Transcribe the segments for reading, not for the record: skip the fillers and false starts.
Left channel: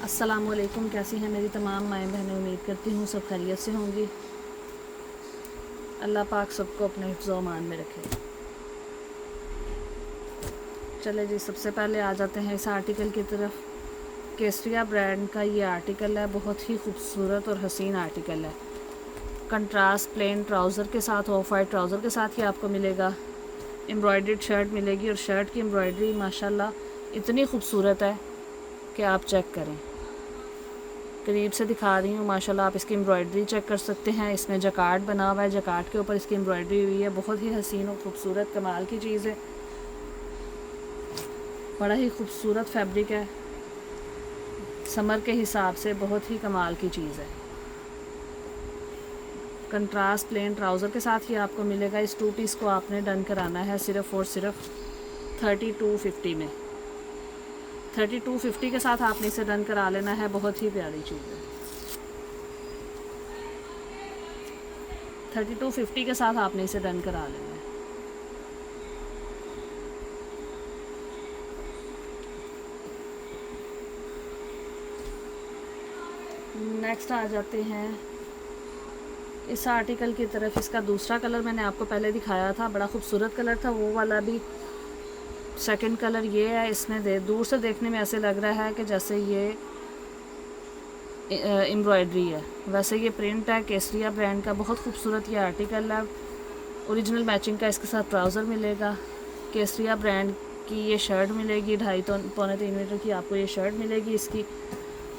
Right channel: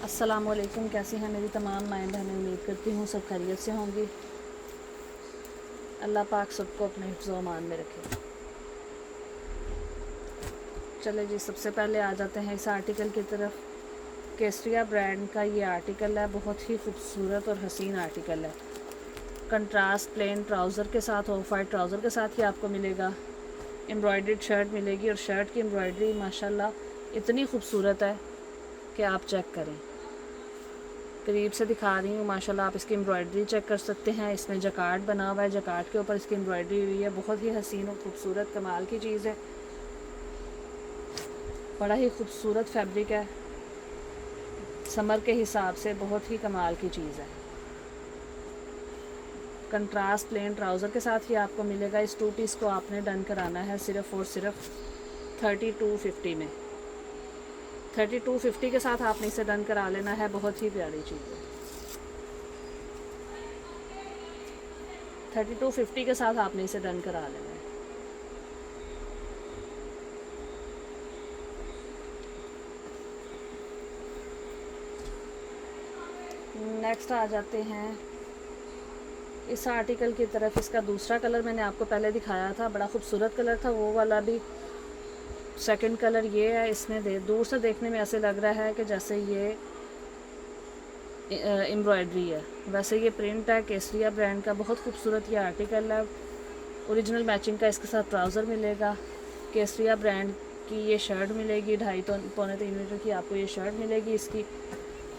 अस्सलामुअलैकुम। कैसी हैं मेरी तमाम माएँ बहनें। उम्मीद करती हूँ सब खैरियत से होंगी। अल्लाह पाक सबको अपने हिफ्ज़ व अमान में रखे। चले जी, सबसे पहले आ जाते हैं इस आर्टिकल की तरफ। केसरिया ब्रांड का ये आर्टिकल है, बहुत ही खूबसूरत और हसीन आर्टिकल है। कंट्रास्ट प्लेन ट्राउज़र के साथ, ऑफ वाइट ट्राउज़र के साथ ही आपको मिलेगा। एम्ब्रॉयडर्ड शर्ट मिलेगी और शर्ट की एम्ब्रॉयडरी माशाल्लाह इतनी खूबसूरत है कि आप चेक करें। करीब से दिखा रही हूँ, माशाल्लाह आप इसकी एम्ब्रॉयडरी चेक कर सकते हैं। इसमें जकार्ड बना हुआ है, जकार्ड के ऊपर इसकी एम्ब्रॉयडरी हुई है। बहुत ही हसीन और ख़ूबसूरत कमाल की चीज़ है। बड़ा ही खूबसूरत फैब्रिक है, समर के हिसाब से बहुत ही कमाल की चीज़ है। कंट्रास्ट प्लेन ट्राउज़र के साथ ही आपको मिलेगा। इस 2 पीस को आपने डन कराना है सिर्फ़ और सिर्फ 3250 में। 3250 के साथ आपने इसे डन करा लेना है। बहुत ही प्यारी चीज़ है। 3250 के साथ आपने इसे डन करा लेना है। नेक्स्ट आ जाते हैं इस आर्टिकल की तरफ। इसका दूसरा कलर मैंने आपको पहले दिखाया था, बड़ा खूबसूरत कलर था, वो वाला भी सेकंड कलर ये है। इसमें दूर से देखने में ऐसे लग रहा है कि जैसे ये एम्ब्रॉयडरी है, वैसे ये प्रिंट है। केसरिया ब्रांड का बहुत खूबसूरत ये आर्टिकल है। ओरिजिनल मैचिंग का इसके साथ ट्राउज़र मिलेगा। केसरिया ब्रांड की ये शर्ट मिलेगी, 2.5 पौने 3 मीटर की आपको ये शर्ट मिलेगी। इसकी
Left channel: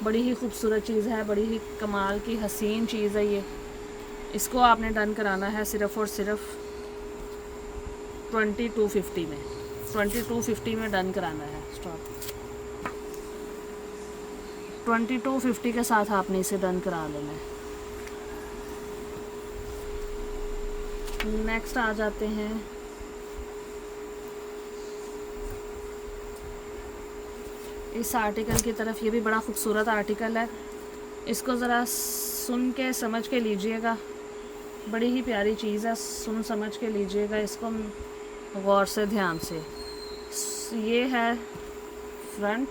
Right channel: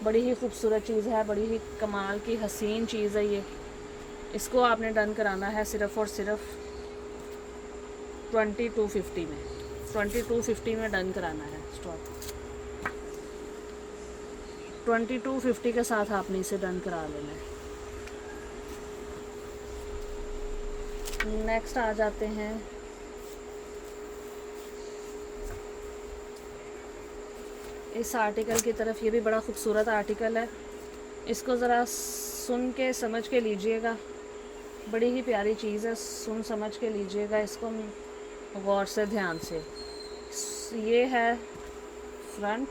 बड़ी ही खूबसूरत चीज़ है, बड़ी ही कमाल की हसीन चीज़ है ये। इसको आपने डन कराना है सिर्फ़ और सिर्फ 2250 में। 2250 में डन कराना है। स्टॉप। 2250 के साथ आपने इसे डन करा लेना है। नेक्स्ट आ जाते हैं इस आर्टिकल की तरफ। ये भी बड़ा खूबसूरत आर्टिकल है। इसको ज़रा सुन के समझ के लीजिएगा, बड़ी ही प्यारी चीज़ है। सुन समझ के लीजिएगा इसको गौर से, ध्यान से। ये है फ्रंट,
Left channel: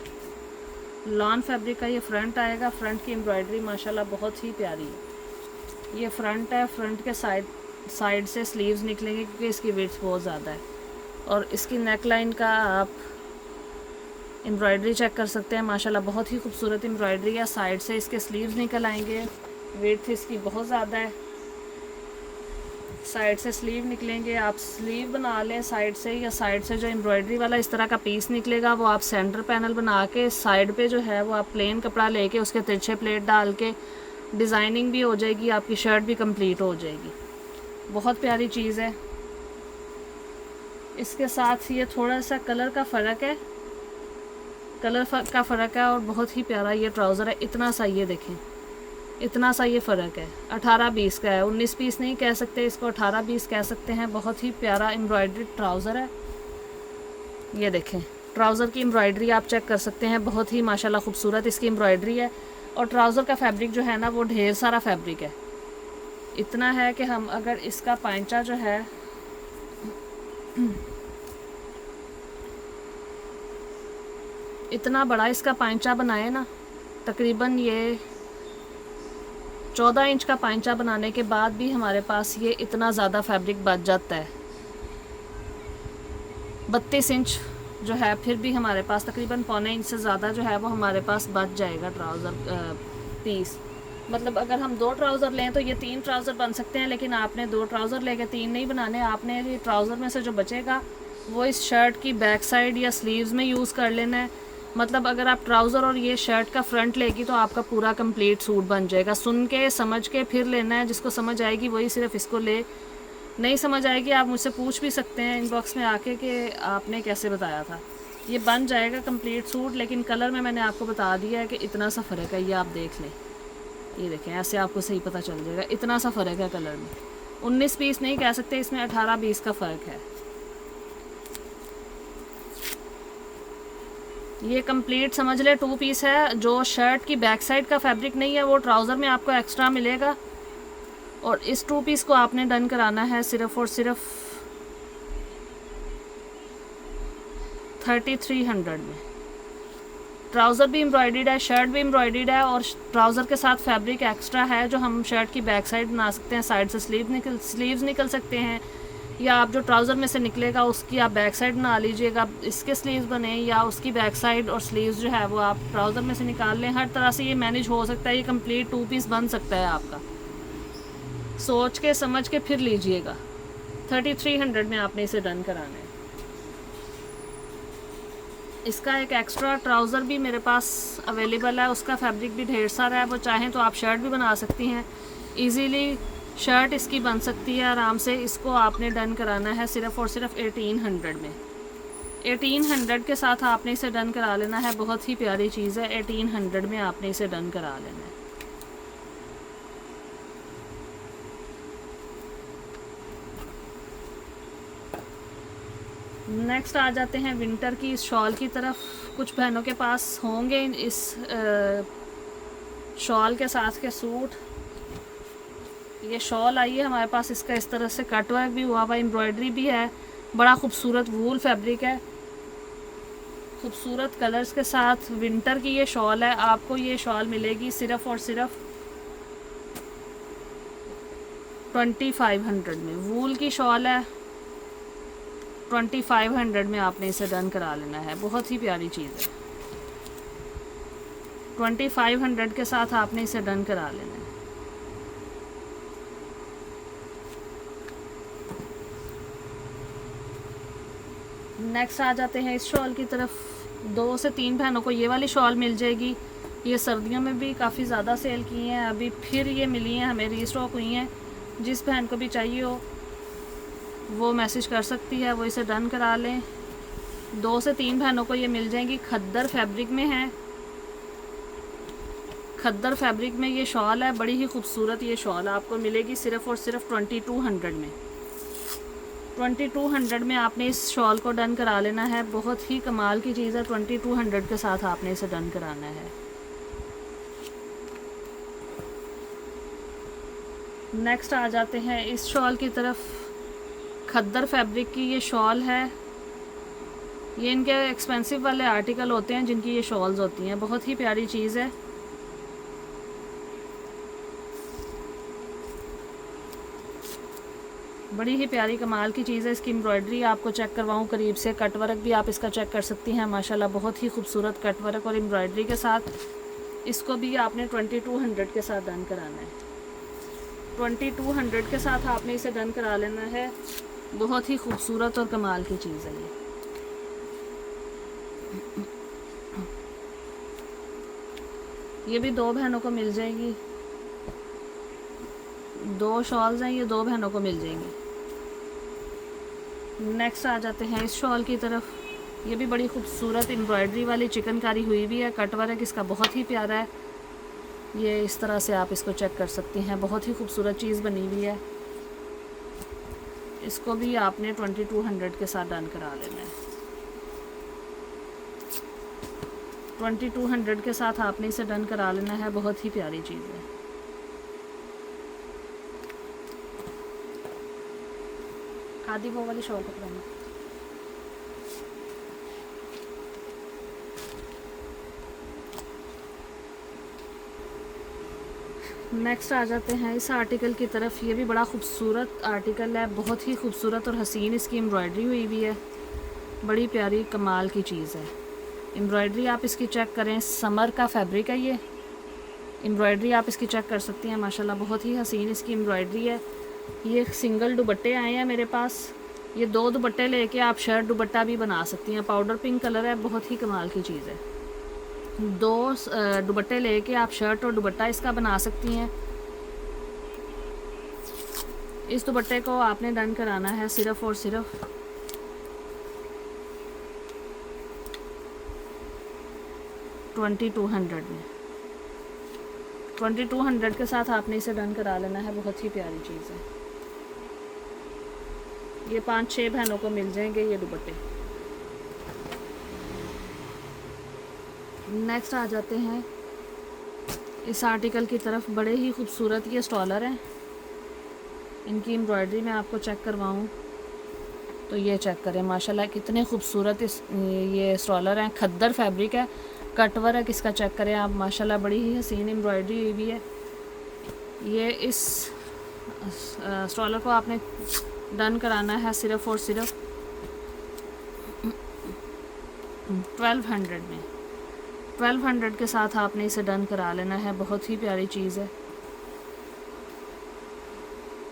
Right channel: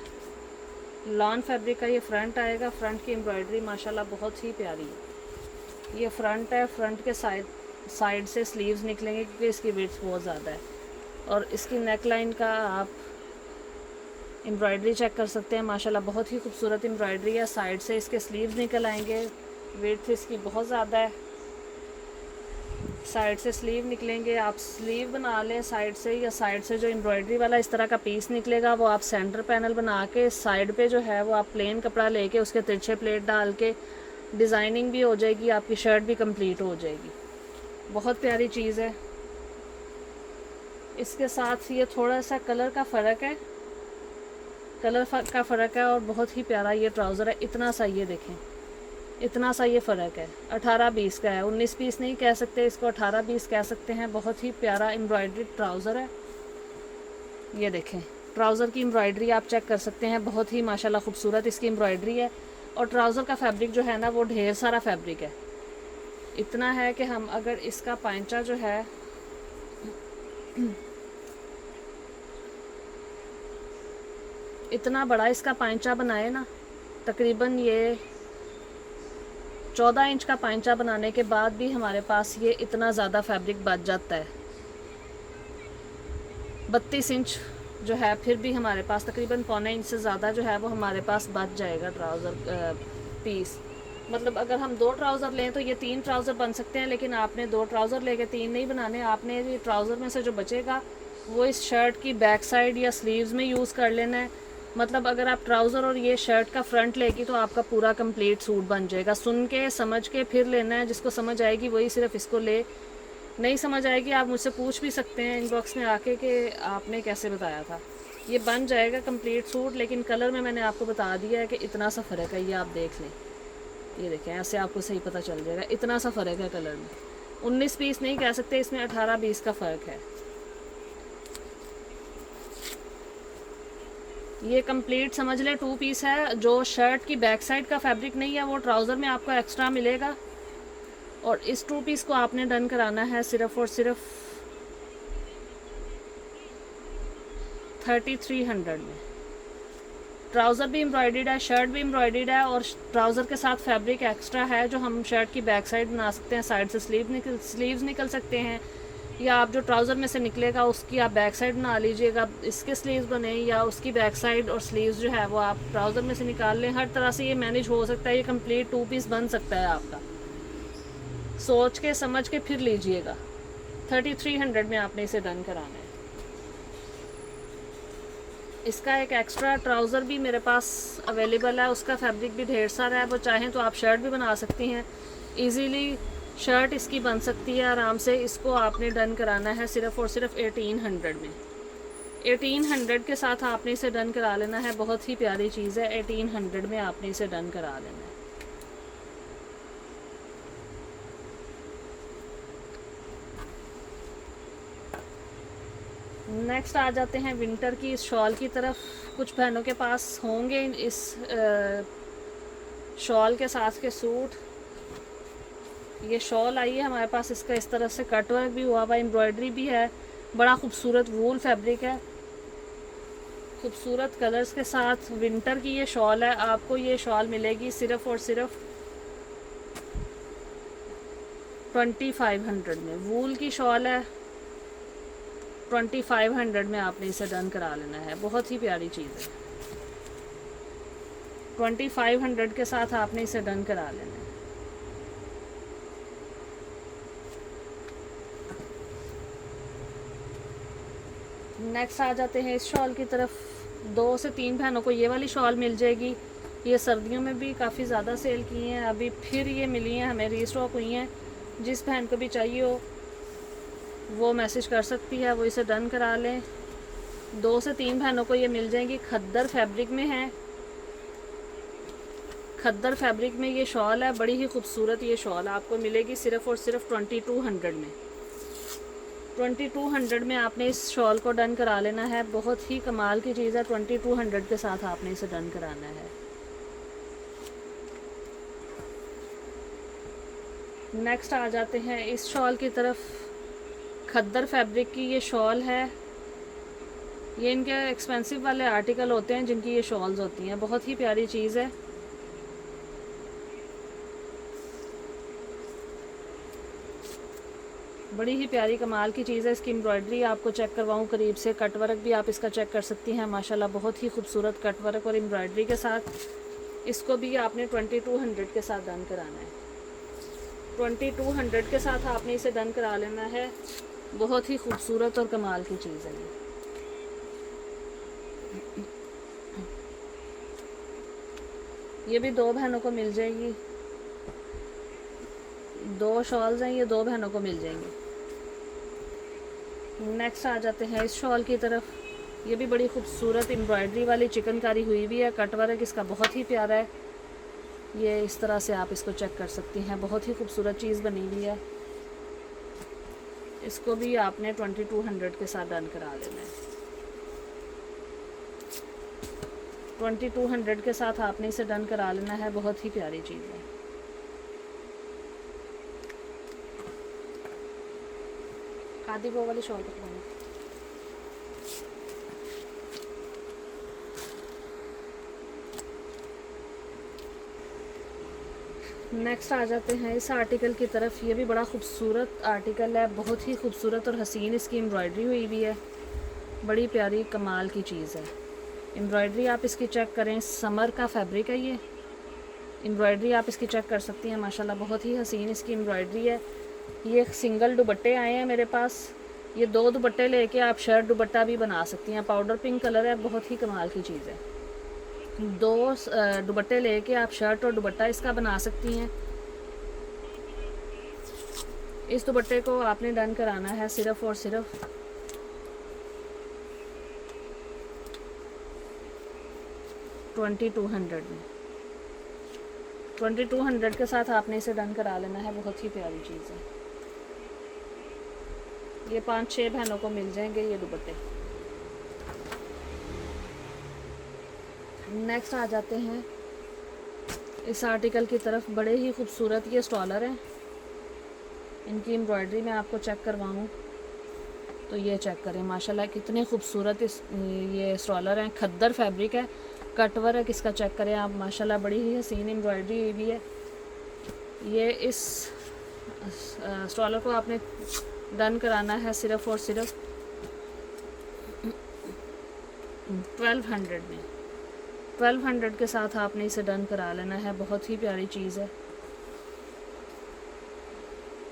लॉन फैब्रिक का ये फ्रंट आएगा। फ्रंट की एम्ब्रॉयडरी माशाल्लाह बहुत ही प्यारी है। ये फ्रंट है। फ्रंट के साइड से स्लीव्स निकलेंगे क्योंकि इसकी विड्थ बहुत ज़्यादा है। और इसकी नेक लाइन का आप एम्ब्रॉयडरी चेक कर सकते हैं, माशाल्लाह बहुत ही खूबसूरत एम्ब्रॉयडरी है। साइड से इसके स्लीव्स निकल आएंगे, विड्थ इसकी बहुत ज़्यादा है। साइड से स्लीव निकलेंगे, आप स्लीव बना लें साइड से, या साइड से जो एम्ब्रॉयडरी वाला इस तरह का पीस निकलेगा वो आप सेंटर पैनल बना के साइड पे जो है वो आप प्लेन कपड़ा लेके उसके तिरछे प्लेट डाल के डिज़ाइनिंग भी हो जाएगी, आपकी शर्ट भी कंप्लीट हो जाएगी। बहुत प्यारी चीज़ है। इसके साथ ये थोड़ा सा कलर का फ़र्क है, और बहुत ही प्यारा ये ट्राउज़र है। इतना सा, ये देखें, इतना सा ये फ़र्क है। 18-20 का है, 19 पीस नहीं कह सकते इसको, 18-20 कह सकते हैं। बहुत ही प्यारा एम्ब्रॉयडरी ट्राउज़र है। ये देखें, ट्राउज़र की एम्ब्रॉयडरी आप चेक कर सकते हैं, बहुत ही माशाल्लाह खूबसूरत इसकी एम्ब्रॉयडरी है। और ट्राउज़र का फैब्रिक जो है ना वो ढेर सारा फैब्रिक है। इतना है कि हम अगर इसका पांचा जो है इतना बड़ा इसका पांचा बनाए ना, तकरीबन ये 14 इंच का पांचा बनाने के बाद भी हमारे पास ये इतना ज़्यादा फैब्रिक बच जाता है। 32 इंच जो है फिर भी हमारे पास तकरीबन पौने इंच से ज़्यादा जो है वो हमारे पास बच जाएगा ट्राउज़र पीस। मतलब अगर हम 2 ट्राउज़र लें तो ये 3 ट्राउज़र बन सकते हैं, लेकिन आपने 2 ट्राउज़र लेके 3 नहीं बनाने। आपने ये ट्राउज़र में से जो बचेगा वो इस शर्ट की बैक साइड या स्लीव्स में यूज़ कर लेना है। मतलब अगर आप ट्राउज़र और ये शर्ट का फ्रंट लेगी तो आपका पूरा कंप्लीट सूट बन जाएगा। सुन के समझ के फिर लेना है, जिसको समझ आएगी वही सिर्फ इसको ले, नहीं समझ आएगी आप मुझसे पूछ भी सकते हैं इनबॉक्स में आके कि आपने कैसे बताया था। ये बन जाएगा कंप्लीट सूट, लेकिन कलर में मैंने आपको बता दिया है कि इतना सा फ़र्क है। ये आप देख लें, ये देखें, ऐसे आपको सही पता चल जाएगा, इतना सा फ़र्क है कलर में। 19 पीस नहीं कह सकते, इसमें 18-20 का फ़र्क है। ये कंप्लीट समझ ले 2 पीस है। जो शर्ट की बैक साइड का फैब्रिक नहीं है वो ट्राउज़र में आपको एक्स्ट्रा मिलेगा। और इस 2 पीस को आपने डन कराना है सिर्फ़ और सिर्फ 3300 में। ट्राउज़र भी एम्ब्रॉयडर्ड है, शर्ट भी एम्ब्रॉयडर्ड है, और ट्राउज़र के साथ फैब्रिक एक्स्ट्रा है जो हम शर्ट की बैक साइड बना सकते हैं, साइड से स्लीव्स निकल सकते हैं, या आप जो ट्राउज़र में से निकलेगा उसकी आप बैक साइड बना लीजिएगा, इसके स्लीव्स बने, या उसकी बैक साइड और स्लीव्स जो है वो आप ट्राउज़र में से निकाल लें। हर तरह से ये मैनेज हो सकता है, ये कंप्लीट 2 पीस बन सकता है आपका। सोच के समझ के फिर लीजिएगा। 3300 में आपने इसे डन कराना है। इसका एक एक्स्ट्रा ट्राउज़र भी मेरे पास अवेलेबल है, उसका फैब्रिक भी ढेर सारा है, वो चाहें तो आप शर्ट भी बना सकती हैं। इजीली शर्ट इसकी बन सकती है आराम से। इसको आपने डन कराना है सिर्फ़ और सिर्फ 1800 में। 1800 के साथ आपने इसे डन करा लेना है। बहुत ही प्यारी चीज़ है, 1800 में आपने इसे डन करा लेना है। नेक्स्ट आ जाते हैं विंटर की इस शॉल की तरफ। कुछ बहनों के पास होंगे इस शॉल के साथ के सूट। ये शॉल आई है हमारे पास, इसका इस तरह से कट वर्क भी हुआ हुआ, एम्ब्रॉयडरी भी है, बड़ा खूबसूरत वूल फैब्रिक है, खूबसूरत कलर्स के साथ विंटर की ये शॉल है। आपको ये शॉल मिलेगी सिर्फ़ और सिर्फ 2500 में। वूल की शॉल है, 2500 में आपने इसे डन करा लेना है। बहुत ही प्यारी चीज़ है, 2500 के साथ आपने इसे डन करा लेना है। नेक्स्ट आ जाते हैं इस शॉल की तरफ। 2 से 3 बहनों को ये वाली शॉल मिल जाएगी। ये सर्दियों में भी काफ़ी ज़्यादा सेल की हैं, अभी फिर ये मिली हैं हमें, रीस्टॉक हुई हैं। जिस बहन को भी चाहिए हो वो मैसेज कर सकती है, वो इसे डन करा लें। 2 से 3 बहनों को ये मिल जाएंगी। खद्दर फैब्रिक में है, खद्दर फैब्रिक में ये शॉल है। बड़ी ही खूबसूरत ये शॉल आपको मिलेगी सिर्फ़ और सिर्फ 2200 में। 2200 में आपने इस शॉल को डन करा लेना है। बहुत ही कमाल की चीज़ है, 2200 के साथ आपने इसे डन कराना है। नेक्स्ट आ जाते हैं इस शॉल की तरफ। खद्दर फैब्रिक की ये शॉल है। ये इनके एक्सपेंसिव वाले आर्टिकल होते हैं जिनकी ये शॉल्स होती हैं। बहुत ही प्यारी चीज़ है, बड़ी ही प्यारी कमाल की चीज़ है। इसकी एम्ब्रॉयडरी आपको चेक करवाऊँ करीब से, कट वर्क भी आप इसका चेक कर सकती हैं। माशाल्लाह बहुत ही खूबसूरत कट वर्क और एम्ब्रॉयडरी के साथ इसको भी आपने 2200 के साथ डन कराना है। 2200 के साथ आपने इसे डन करा लेना है। बहुत ही खूबसूरत और कमाल की चीज़ है ये भी 2 बहनों को मिल जाएगी। 2 शॉल्स हैं, ये 2 बहनों को मिल जाएंगी। नेक्स्ट आ जाते हैं इस शॉल की तरफ। ये भी बड़ी खूबसूरत एम्ब्रॉयडरी वाली चिकनकारी हुई भी है, कट वर्क इसका बहुत ही प्यारा है। ये इस तरह से आप इसको चेक कर सकती हैं, बहुत ही खूबसूरत चीज़ बनी हुई है। इसको भी आपने 2200 के साथ डन करा लेना है। 2200 के साथ आपने इसे डन करा लेना है। बहुत ही प्यारी चीज़ है। आदि वो वाली शॉल पकड़ाना। नेक्स्ट आ जाते हैं इस आर्टिकल की तरफ। ये भी बड़ा खूबसूरत आर्टिकल है, बहुत ही खूबसूरत और हसीन इसकी एम्ब्रॉयडरी हुई भी है। बड़ी प्यारी कमाल की चीज़ है। एम्ब्रॉयडरी आप इसकी चेक करें, समर का फैब्रिक है ये। एम्ब्रॉयडरी आप इसकी चेक कर सकती हैं, माशाल्लाह बहुत ही हसीन इसकी एम्ब्रॉयडरी है। ये सिंगल दुपट्टे आए हैं मेरे पास। ये 2 दुपट्टे लेके आप शर्ट दुपट्टा भी बना सकती हैं। पाउडर पिंक कलर है, बहुत ही कमाल की चीज़ है। 2 दुपट्टे लेके आप शर्ट और दुपट्टा इसका बना सकती हैं। इस दुपट्टे को आपने डन कराना है सिर्फ़ और सिर्फ 2200 में। 2200 के साथ आपने इसे डन करा लेना है। बहुत ही प्यारी चीज़ है। ये 5-6 बहनों को मिल जाएंगे ये दुपट्टे। नेक्स्ट आ जाते हैं इस आर्टिकल की तरफ। बड़े ही खूबसूरत ये स्टॉलर हैं। इनकी एम्ब्रॉयडरी मैं आपको चेक करवाऊँ तो ये चेक करें, माशाल्लाह कितने खूबसूरत ये स्टॉलर हैं। खद्दर फैब्रिक है, कट वर्क इसका चेक करें आप, माशाल्लाह बड़ी ही हसीन एम्ब्रॉयडरी हुई हुई है। ये इस स्टॉलर को आपने डन कराना है सिर्फ़ और सिर्फ 1200 में। 1200 के साथ आपने इसे डन करा लेना है, बहुत ही प्यारी चीज़ है।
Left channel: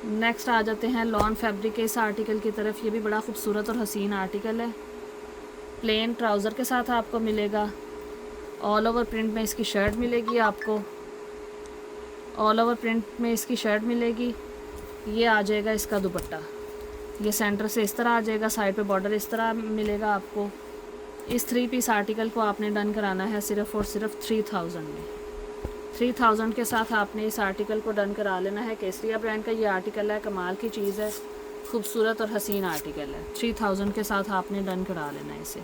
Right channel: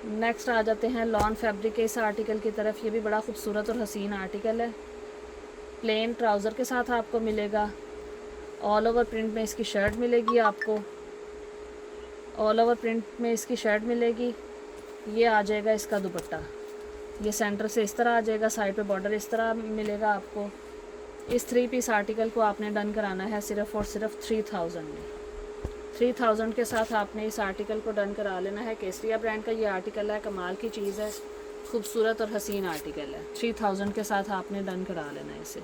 नेक्स्ट आ जाते हैं लॉन फैब्रिक के इस आर्टिकल की तरफ। ये भी बड़ा खूबसूरत और हसीन आर्टिकल है। प्लेन ट्राउज़र के साथ आपको मिलेगा, ऑल ओवर प्रिंट में इसकी शर्ट मिलेगी आपको, ऑल ओवर प्रिंट में इसकी शर्ट मिलेगी। ये आ जाएगा इसका दुपट्टा, ये सेंटर से इस तरह आ जाएगा, साइड पे बॉर्डर इस तरह मिलेगा आपको। इस 3 पीस आर्टिकल को आपने डन कराना है सिर्फ़ और सिर्फ 3000 में। 3000 के साथ आपने इस आर्टिकल को डन करा लेना है। केसरिया ब्रांड का ये आर्टिकल है, कमाल की चीज़ है, खूबसूरत और हसीन आर्टिकल है। 3000 के साथ आपने डन करा लेना है इसे।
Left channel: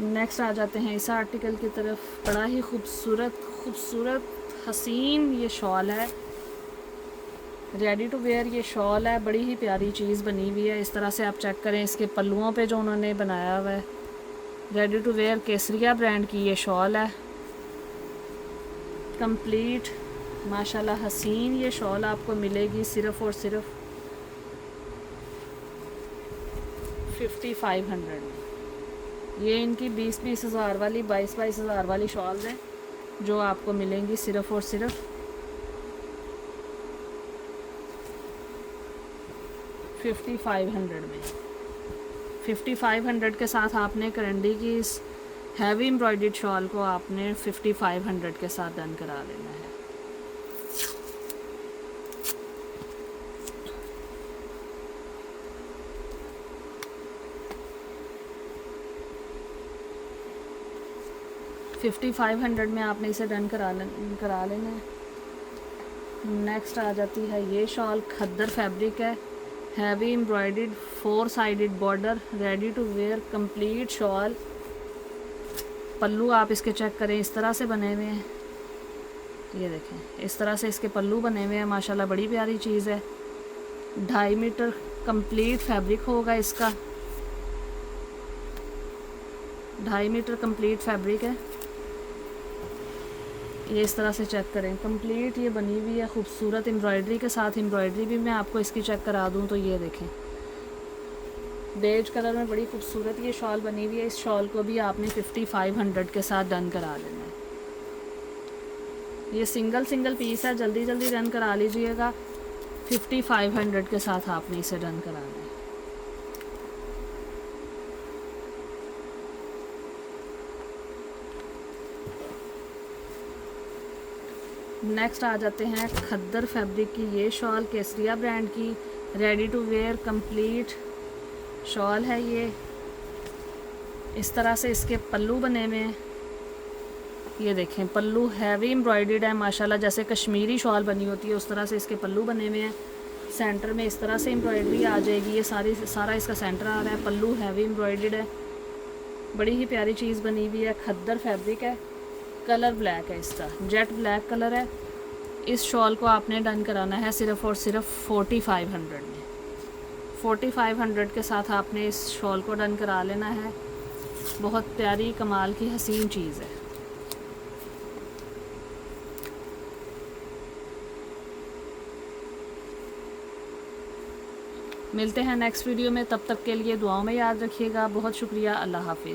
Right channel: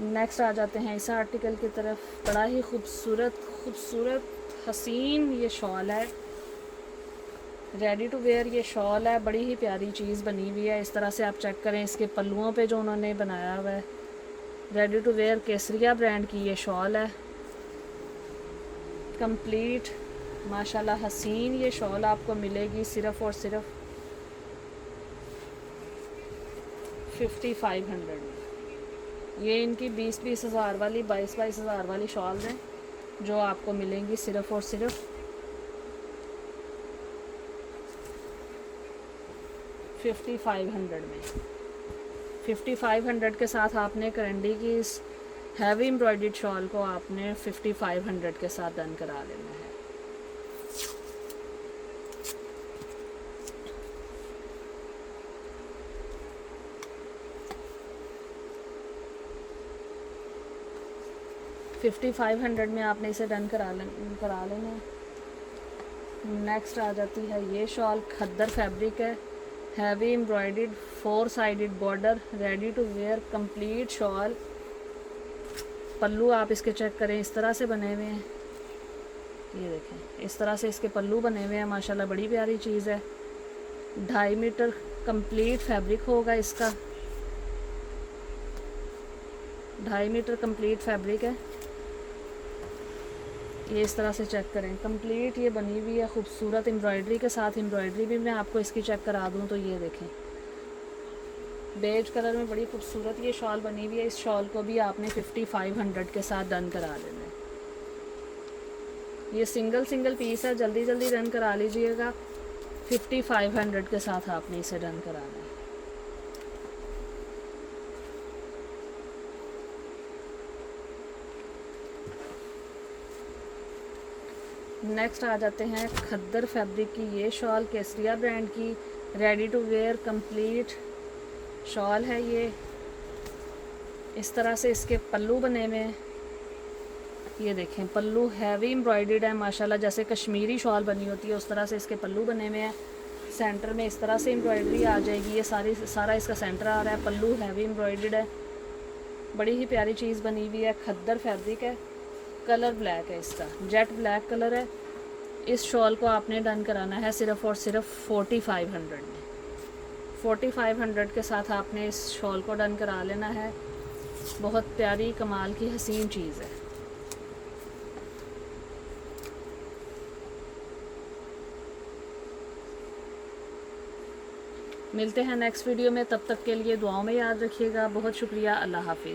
नेक्स्ट आ जाते हैं इस आर्टिकल की तरफ। बड़ा ही खूबसूरत हसीन ये शॉल है, रेडी टू वेयर ये शॉल है, बड़ी ही प्यारी चीज़ बनी हुई है। इस तरह से आप चेक करें इसके पल्लुओं पे जो उन्होंने बनाया हुआ है। Ready to wear Kesariya brand की ये शॉल है, कंप्लीट माशाल्लाह हसीन ये शॉल आपको मिलेगी सिर्फ़ और सिर्फ 5500 में। ये इनकी 20-20 हज़ार वाली, 22-22 हज़ार वाली शॉल है जो आपको मिलेंगी सिर्फ़ और सिर्फ 5500 में। 5500 के साथ आपने करंडी की इस हैवी एम्ब्रॉयडर्ड शॉल को आपने 5500 के साथ डन करा लेना है। $5500 में आपने इसे डन करा लेना। नेक्स्ट आ जाती है ये शॉल, खद्दर फैब्रिक है, heavy embroidered 4 sided border, ready to wear complete shawl. पल्लू आप इसके चेक करें, इस तरह से बने हुए हैं, ये देखें इस तरह से इसके पल्लू बने हुए हैं, माशाल्लाह बड़ी प्यारी चीज़ है। 2.5 मीटर कंप्लीट फैब्रिक होगा इसका, 2.5 मीटर कंप्लीट फैब्रिक है। ये इस तरह से चेक करें, कंप्लीट ये बनी हुई है खूबसूरत एम्ब्रॉयडरी के साथ। एम्ब्रॉयडरी भी मैं आपको इसकी चेक करा दूं तो ये देखें, बेज कलर में बड़ी खूबसूरत ये शॉल बनी हुई है। इस शॉल को भी आपने 5500 के साथ डन करा लेना है। ये सिंगल पीस है, जल्दी जल्दी डन करा लीजिएगा। 5500 के साथ आपने इसे डन कराना है। नेक्स्ट आ जाते हैं खद्दर फैब्रिक की ये शॉल, केसरिया ब्रांड की, ready to wear complete shawl है ये। इस तरह से इसके पल्लू बने हुए हैं, ये देखें पल्लू हैवी एम्ब्रॉयडर्ड है माशाल्लाह, जैसे कश्मीरी शॉल बनी होती है उस तरह से इसके पल्लू बने हुए हैं। सेंटर में इस तरह से एम्ब्रॉयडरी आ जाएगी, ये सारा इसका सेंटर आ रहा है। पल्लू हैवी एम्ब्रॉयडर्ड है, बड़ी ही प्यारी चीज़ बनी हुई है। खद्दर फैब्रिक है, कलर ब्लैक है इसका, जेट ब्लैक कलर है। इस शॉल को आपने डन कराना है सिर्फ़ और सिर्फ 4500 में। 4500 के साथ आपने इस शॉल को डन करा लेना है। बहुत प्यारी कमाल की हसीन चीज़ है। मिलते हैं नेक्स्ट वीडियो में, तब तक के लिए दुआओं में याद रखिएगा। बहुत शुक्रिया, अल्लाह हाफिज़।